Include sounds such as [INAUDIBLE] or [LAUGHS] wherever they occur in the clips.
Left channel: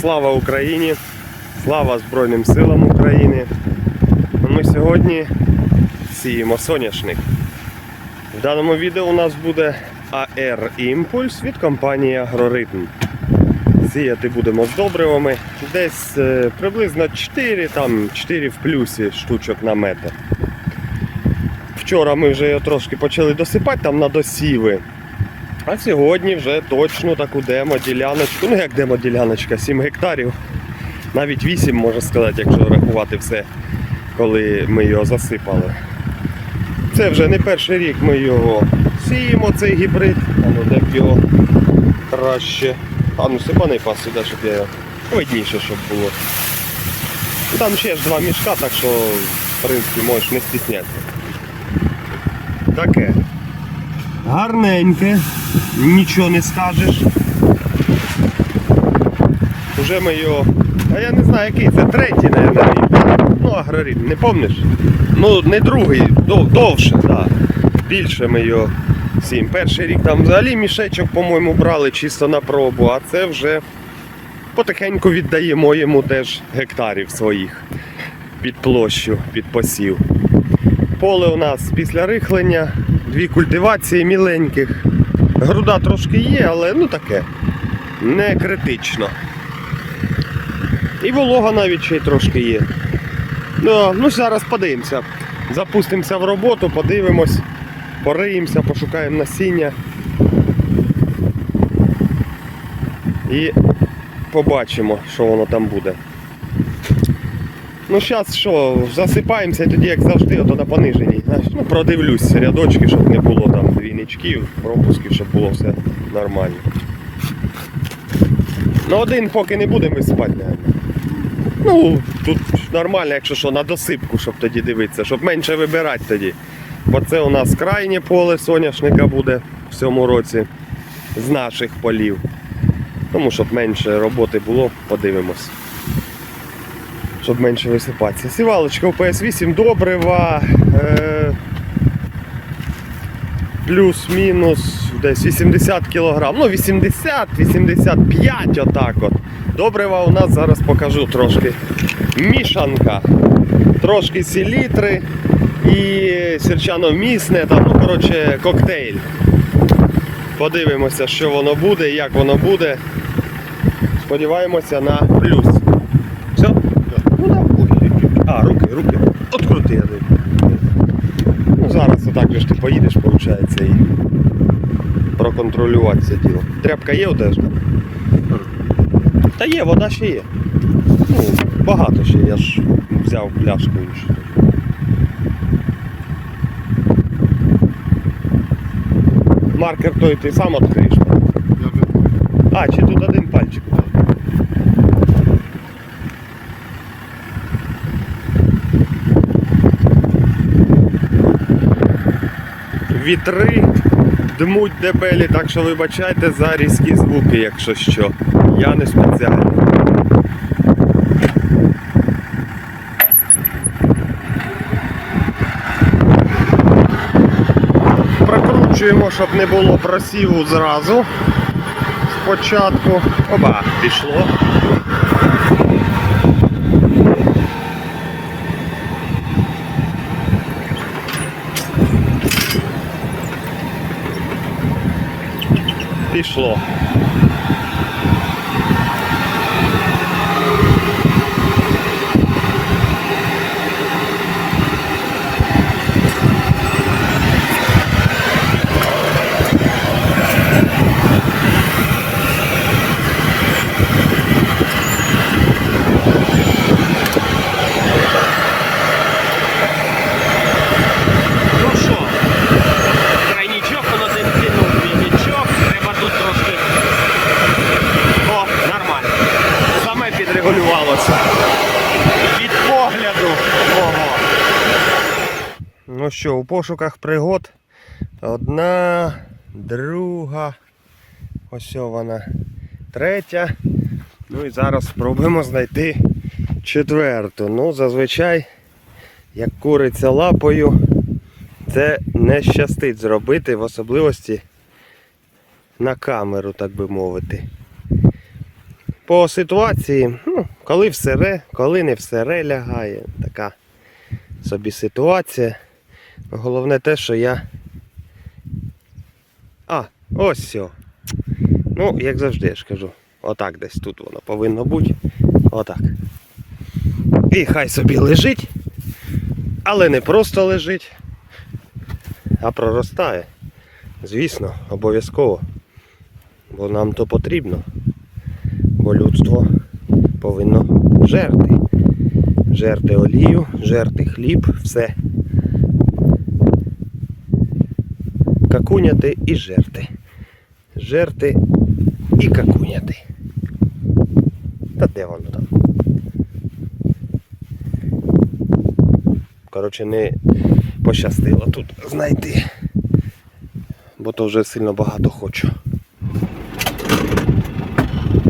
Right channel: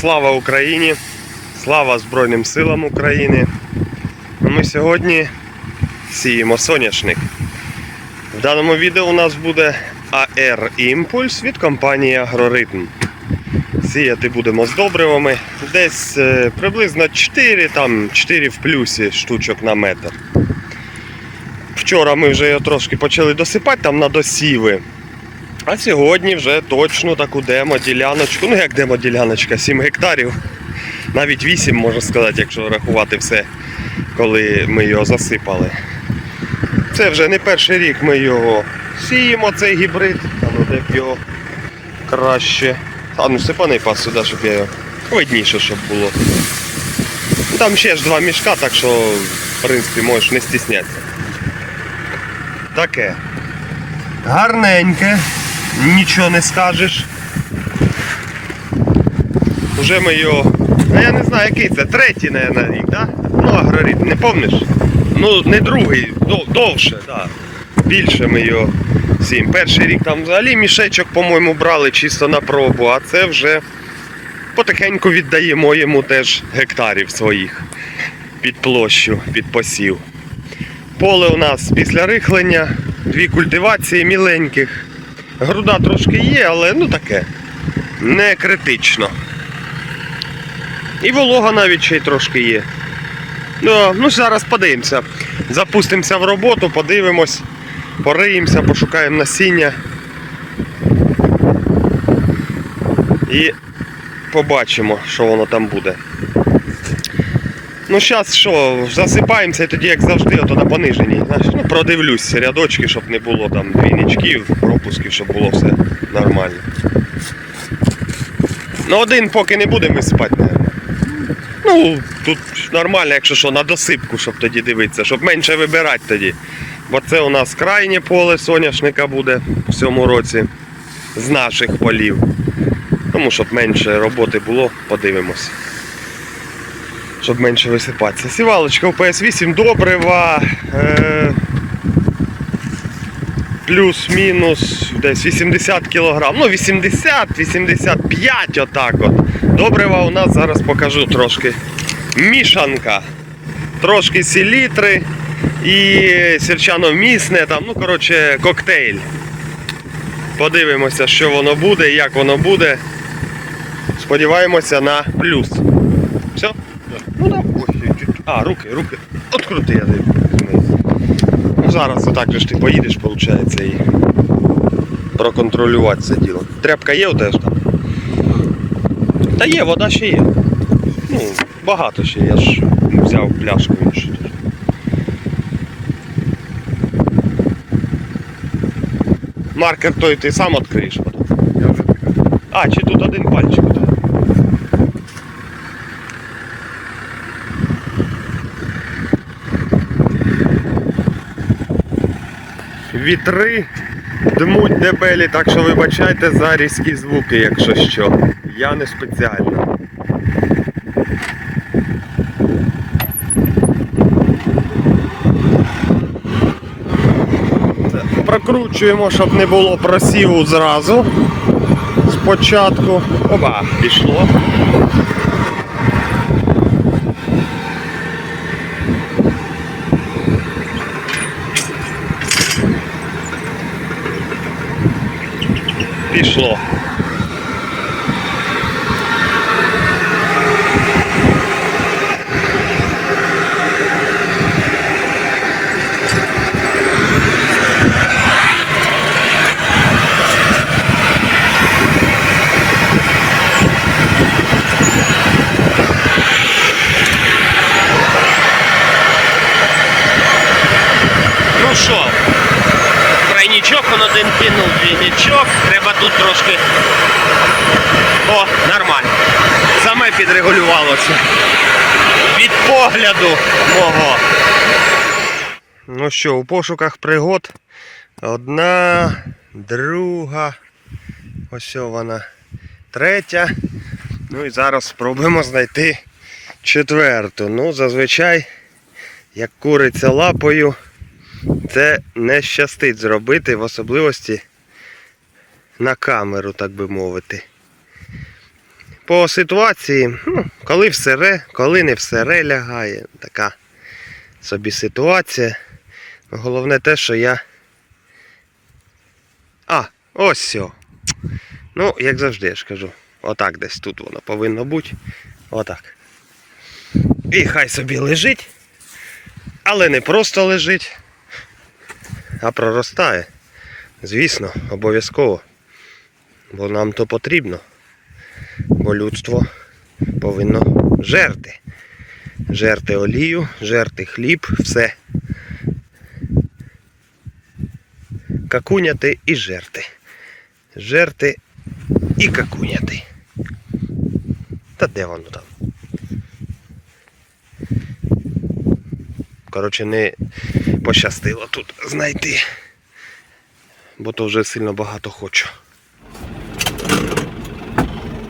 слава Україні! Слава Збройним силам України! Ну, Ми сьогодні сіємо соняшник. В даному відео у нас буде AR Імпульс від компанії Агроритм. Сіяти будемо з добривами. Десь е, приблизно 4, там 4 в плюсі штучок на метр. Вчора ми вже його трошки почали досипати там на досіви. А сьогодні вже точно таку демо-діляночку. Ну як демо-діляночка, 7 гектарів. Навіть 8 можна сказати, якщо рахувати все, коли ми його засипали. Це вже не перший рік ми його сіємо, цей гібрид. А ну де б його краще. А ну сипаний пас сюди, щоб я його видніше, щоб було. Там ще ж два мішка, так що в принципі можеш не стіснятися. Таке. Гарненьке, нічого не скажеш. Уже ми його. А я не знаю який це, третій, наверное, рік, так? Ну, агроритм, не помниш? Ну, не другий, дов- довше, так. Більше ми його сім. Перший рік там взагалі мішечок, по-моєму, брали чисто на пробу, а це вже потихеньку віддаємо йому теж гектарів своїх під площу, під посів. Поле у нас після рихлення, дві культивації міленьких. Груда трошки є, але ну таке. Не критично. І волога навіть ще й трошки є. Ну, ну зараз подивимося. Запустимося в роботу, подивимось, пориємося, пошукаємо насіння. І побачимо, що воно там буде. Ну зараз що, засипаємося і тоді, як завжди, ото на пониженні. Ну, продивлюсь рядочки, щоб не було там двійничків, пропусків, щоб було все нормально. Ну один поки не будемо висипати, мабуть. Ну, тут нормально, якщо що, на досипку, щоб тоді дивитися, щоб менше вибирати тоді. Бо це у нас крайнє поле соняшника буде в цьому році з наших полів. Тому щоб менше роботи було, подивимось. Щоб менше висипатися. Сівалочка в PS8 добрива. Е- плюс-мінус десь 80 кг. Ну 80-85 отак от. Добрива у нас зараз покажу трошки. Мішанка. Трошки селітри і сірчано-місне, там, ну, коротше, коктейль. Подивимося, що воно буде, як воно буде. Сподіваємося на плюс. Все? Ну да. Ой, чуть-чуть. А, руки, руки. Открути я даю. Ну, зараз отак же ж ти поїдеш, виходить, і проконтролювати це діло. Тряпка є у тебе ж там? Та є, вода ще є. Ну, багато ще, я ж взяв пляшку іншу. Маркер той ти сам відкриєш. А, чи тут один пальчик? Вітри дмуть дебелі, так що вибачайте за різкі звуки, якщо що. Я не спеціально. Прокручуємо, щоб не було просіву зразу. Спочатку. Оба, пішло. Пішло. Ну що, тройничок он один кинув, двійничок, треба тут трошки. О, нормально. Саме підрегулювалося. Від погляду мого. Ну що, у пошуках пригод. Одна, друга. Ось вона. Третя. Ну і зараз спробуємо знайти четверту. Ну, зазвичай, як куриця лапою, це не щастить зробити, в особливості на камеру, так би мовити. по ситуації, ну, коли все ре, коли не все ре лягає. Така собі ситуація. Головне те, що я. А, ось все. Ну, як завжди, я ж кажу. Отак десь тут воно повинно бути. Отак. І хай собі лежить. Але не просто лежить, а проростає. Звісно, обов'язково. Бо нам то потрібно. Бо людство повинно жерти. Жерти олію, жерти хліб, все. Какуняти і жерти. Жерти і какуняти. Та де воно там? Коротше, не пощастило тут знайти. Бо то вже сильно багато хочу.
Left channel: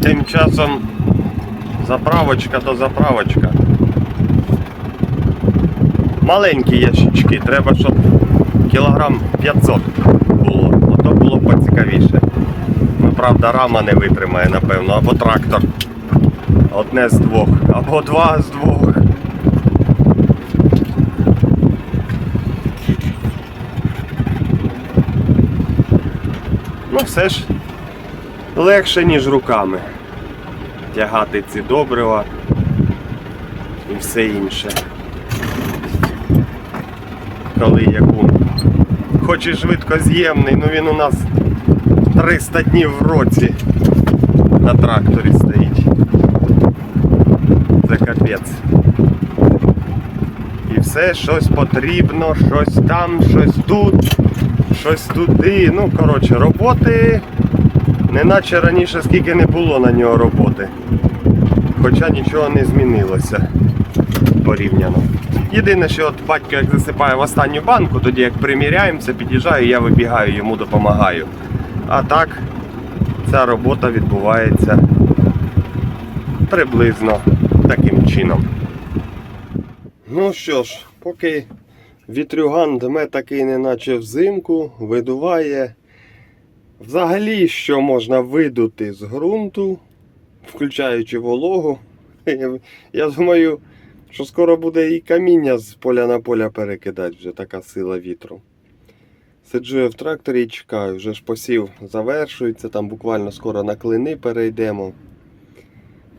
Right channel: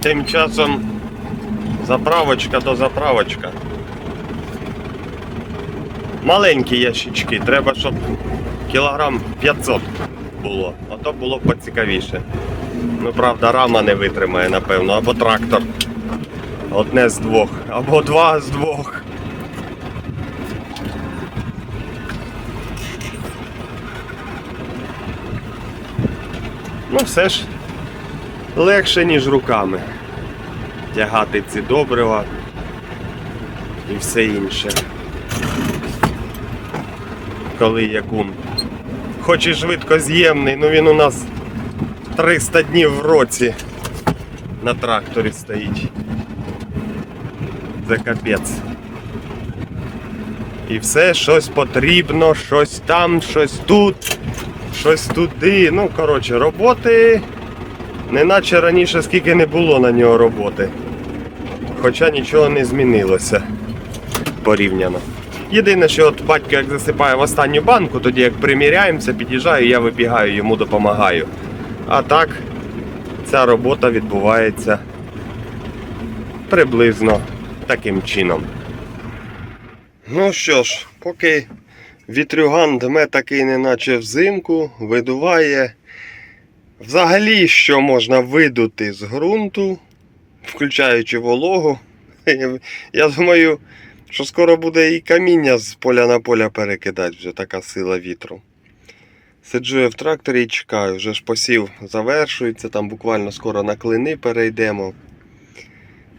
Тим часом заправочка то заправочка. Маленькі ящички, треба, щоб кілограм 500 було. Ото було б поцікавіше. Ну, правда, рама не витримає, напевно, або трактор. Одне з двох, або два з двох. Ну, все ж легше, ніж руками. Тягати ці добрива і все інше. Коли якун. Хоч і швидкоз'ємний, ну він у нас 300 днів в році на тракторі стоїть. Це капець. І все, щось потрібно, щось там, щось тут, щось туди. Ну, коротше, роботи. Неначе раніше скільки не було на нього роботи. Хоча нічого не змінилося порівняно. Єдине, що от батько як засипає в останню банку, тоді як приміряємося, під'їжджаю, я вибігаю, йому допомагаю. А так, ця робота відбувається приблизно таким чином. Ну що ж, поки вітрюган дме такий, неначе взимку, видуває. Взагалі, що можна видути з ґрунту, включаючи вологу. [LAUGHS] Я думаю, що скоро буде і каміння з поля на поля перекидати, вже така сила вітру. Сиджу я в тракторі і чекаю, вже ж посів завершується, там буквально скоро на клини перейдемо.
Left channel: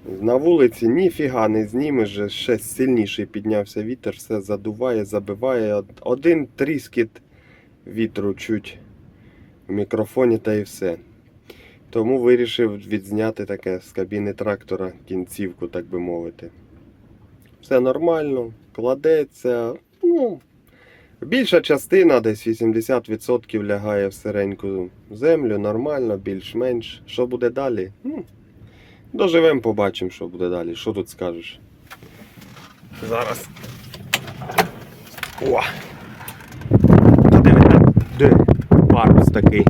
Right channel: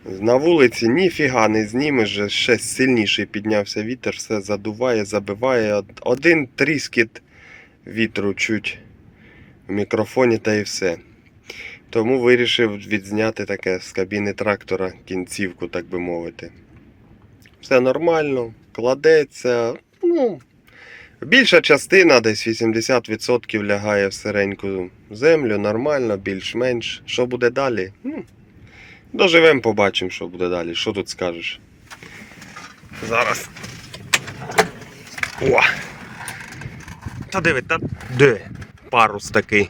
На вулиці ніфіга не знімеш, вже ще сильніший піднявся вітер, все задуває, забиває. Один тріскіт вітру чуть мікрофоні та і все. Тому вирішив відзняти таке з кабіни трактора кінцівку, так би мовити. Все нормально, кладеться. Ну, більша частина, десь 80% лягає в сиреньку землю, нормально, більш-менш. Що буде далі? Ну, доживемо, побачимо, що буде далі. Що тут скажеш? Зараз. О! Та диви, та де? Парус такий.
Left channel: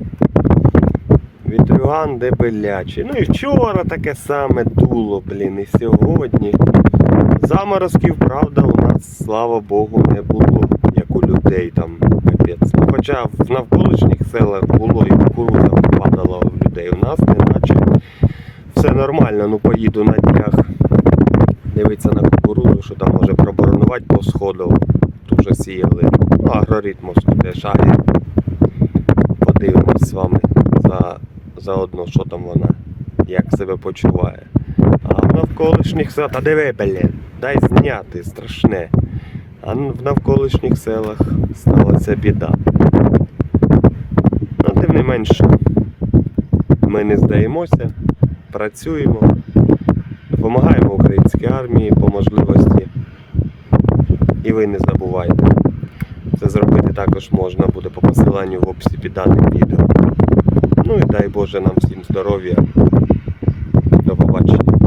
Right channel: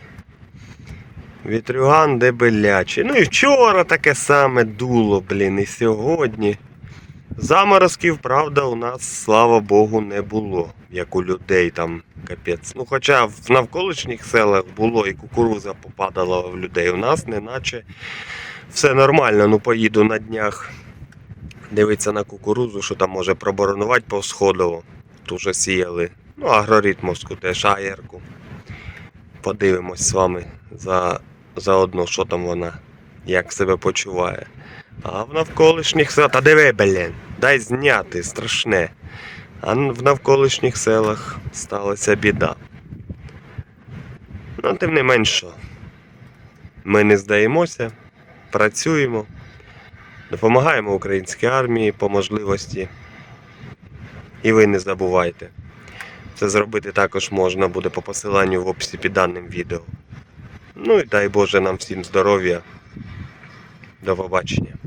Вітрюган дебелячий. Ну і вчора таке саме дуло, блін, і сьогодні. Заморозків, правда, у нас, слава Богу, не було, як у людей там капець. Ну, хоча в навколишніх селах було і кукуруза падала в людей. У нас неначе все нормально, ну поїду на днях. Дивиться на кукурузу, що там може проборонувати по сходу. Тут сіяли. Ну, агроритмовську теж агірку. Подивимось з вами за, заодно, що там вона, як себе почуває. А в навколишніх селах. Та диви, блін, дай зняти, страшне. А в навколишніх селах сталася біда. Ну, тим не менше, ми не здаємося, працюємо, допомагаємо українській армії по можливості. І ви не забувайте. Це зробити також можна буде по посиланню в описі під даним відео. Ну і дай Боже нам всім здоров'я. До побачення.